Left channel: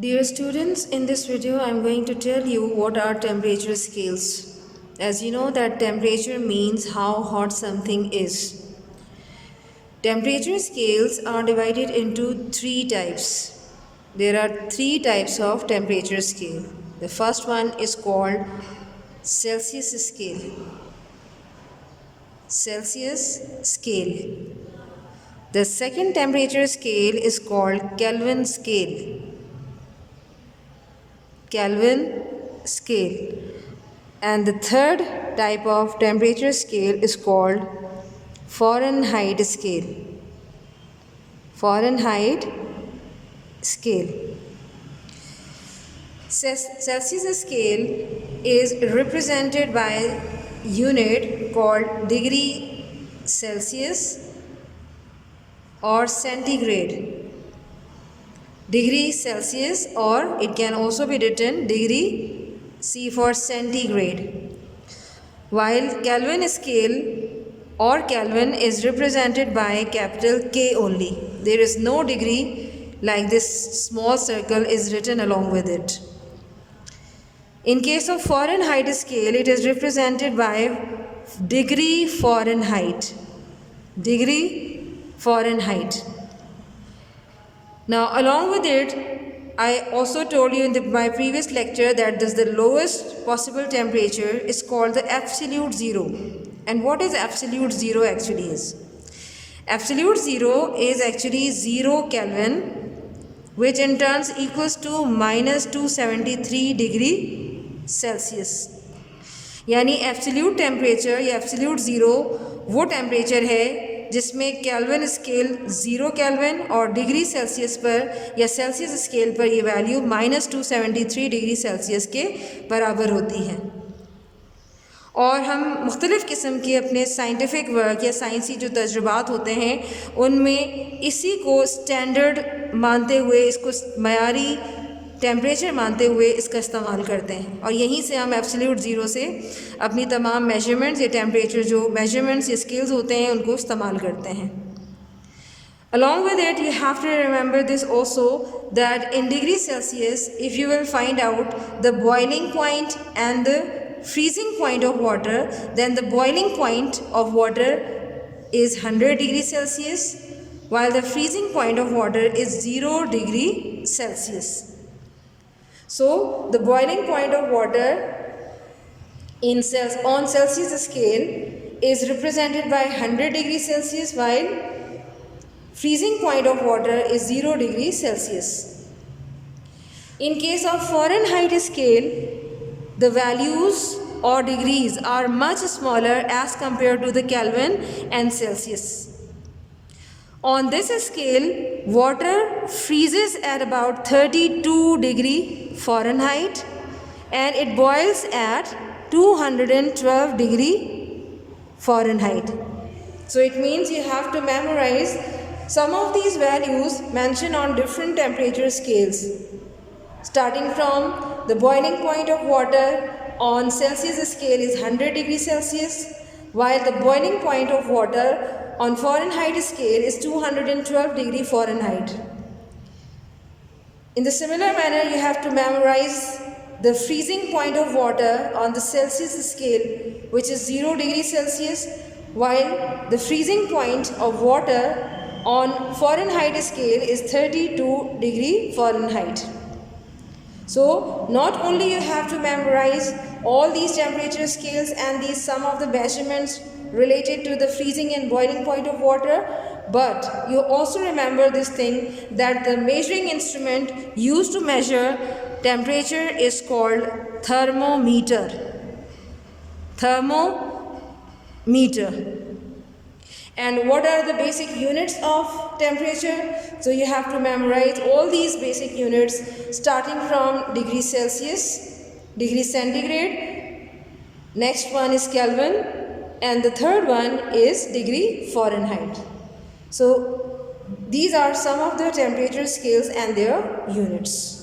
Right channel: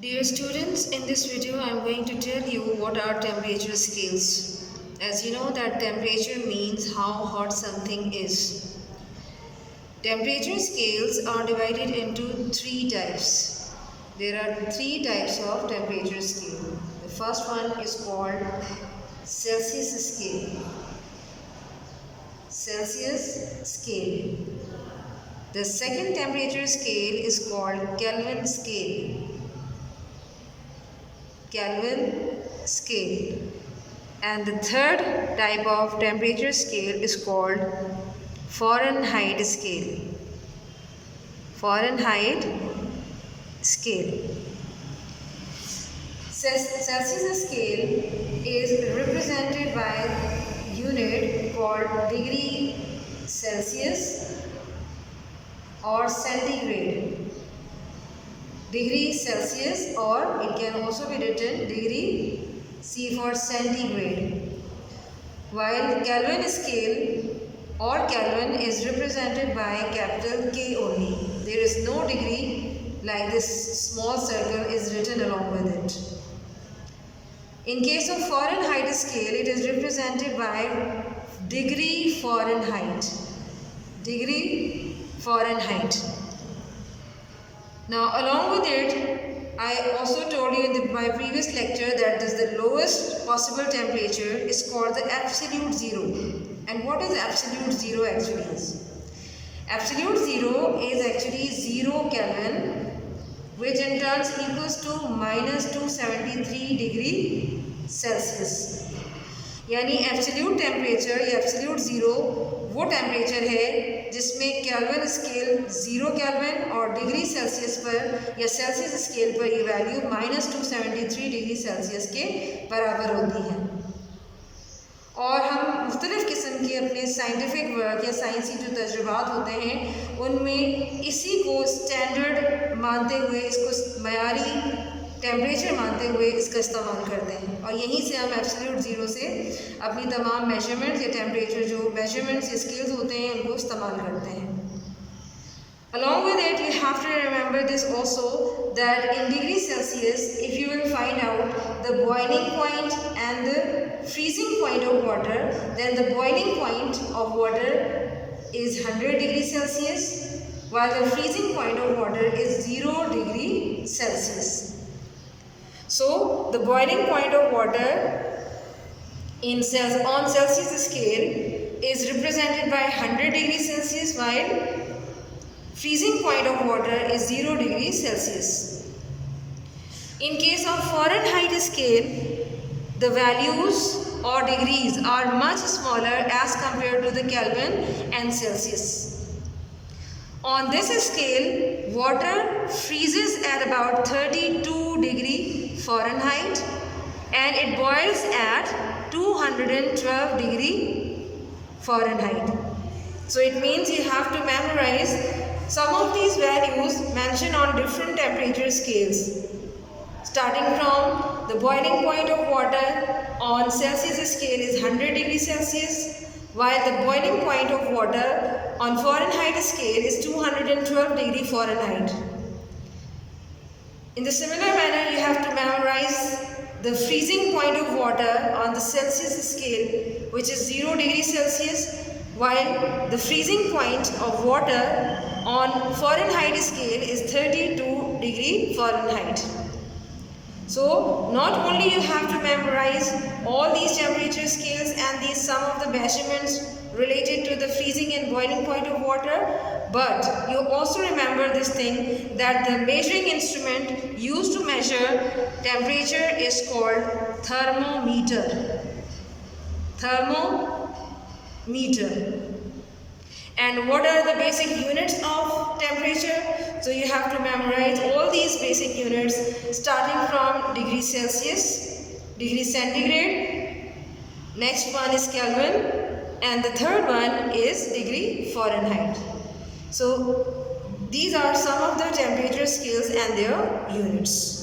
Dear students, in this video I am going to tell you what are temperature scales. As you know that temperature means how hot something is. Temperature scales are divided into three types. There are three types of temperature scale. The first one is called Celsius scale. Celsius scale. The second temperature scale is called Kelvin scale. Kelvin scale. And the third type of temperature scale is called Fahrenheit scale. Fahrenheit scale. Celsius scale is represented by a unit called degree Celsius or centigrade. Degree Celsius, or it can also be written degree C for centigrade. While Kelvin scale or Kelvin is represented by capital K only. There is no degree like this small circle is written along with it. In case of Fahrenheit scale, it is represented by degree Fahrenheit. Degree Fahrenheit. Now, along with it, I also told you in my previous lecture that the lowest possible temperature is called the absolute zero. And what is absolute zero actually is? Absolute zero is actually 0 Kelvin, which in turn equals to minus 273 degree Celsius. यानी absolute temperature या absolute zero वो temperature है जिसमें kelvin scale 0 kelvin और degree Celsius पर या Celsius scale पर ये वैल्यू माइनस 273 डिग्री सेल्सियस के बराबर होती है। और हम मुख्तलिफ़ किस्म के अपने साइंटिफिक वर्क या साइंसी जो तजुर्बात होते हैं उनमें इसी को स्टैंडर्ड मानते हुए, इसको मयारी टेम्परेचर मानते हुए इसका इस्तेमाल करते हैं और यहीं से हम एब्सोल्यूट ज़ीरो से अपनी तमाम मेजरमेंट्स या टेम्परेचर जो मेजरमेंट्स या स्केल्स होते हैं उनको इस्तेमाल करते हैं। Along with it, you have to remember this also that in degree Celsius, if you will find out the boiling point and the freezing point of water, then the boiling point of water is 100 degrees Celsius, while the freezing point of water is 0 degree Celsius. So, the boiling point of water on Celsius scale is represented by 100 degrees Celsius, while freezing point of water is 0 degrees Celsius. In case of Fahrenheit scale, the values or degrees are much smaller as compared to the Kelvin and Celsius. On this scale, water freezes at about 32 degree Fahrenheit and it boils at 212 degree Fahrenheit. So it means you have to memorize some of these values mentioned on different temperature scales. Starting from the boiling point of water on Celsius scale is 100 degrees Celsius, while the boiling point of water on Fahrenheit scale is 212 degree Fahrenheit. In the similar manner, you have to memorize the freezing point of water on the Celsius scale, which is 0 degree Celsius, while the freezing point of water on Fahrenheit scale is 32 degree Fahrenheit. So, not only you have to memorize all these temperature scales and these some of the measurements related to the freezing and boiling point of water, but you also remember this thing that the measuring instrument used to measure temperature is called thermometer. Thermometer. And what are the basic units of temperature? So you have to memorize all these basic units starting from degree Celsius, degree centigrade, next one is Kelvin, and the third one is degree Fahrenheit. So these are some of the temperature scales and their units.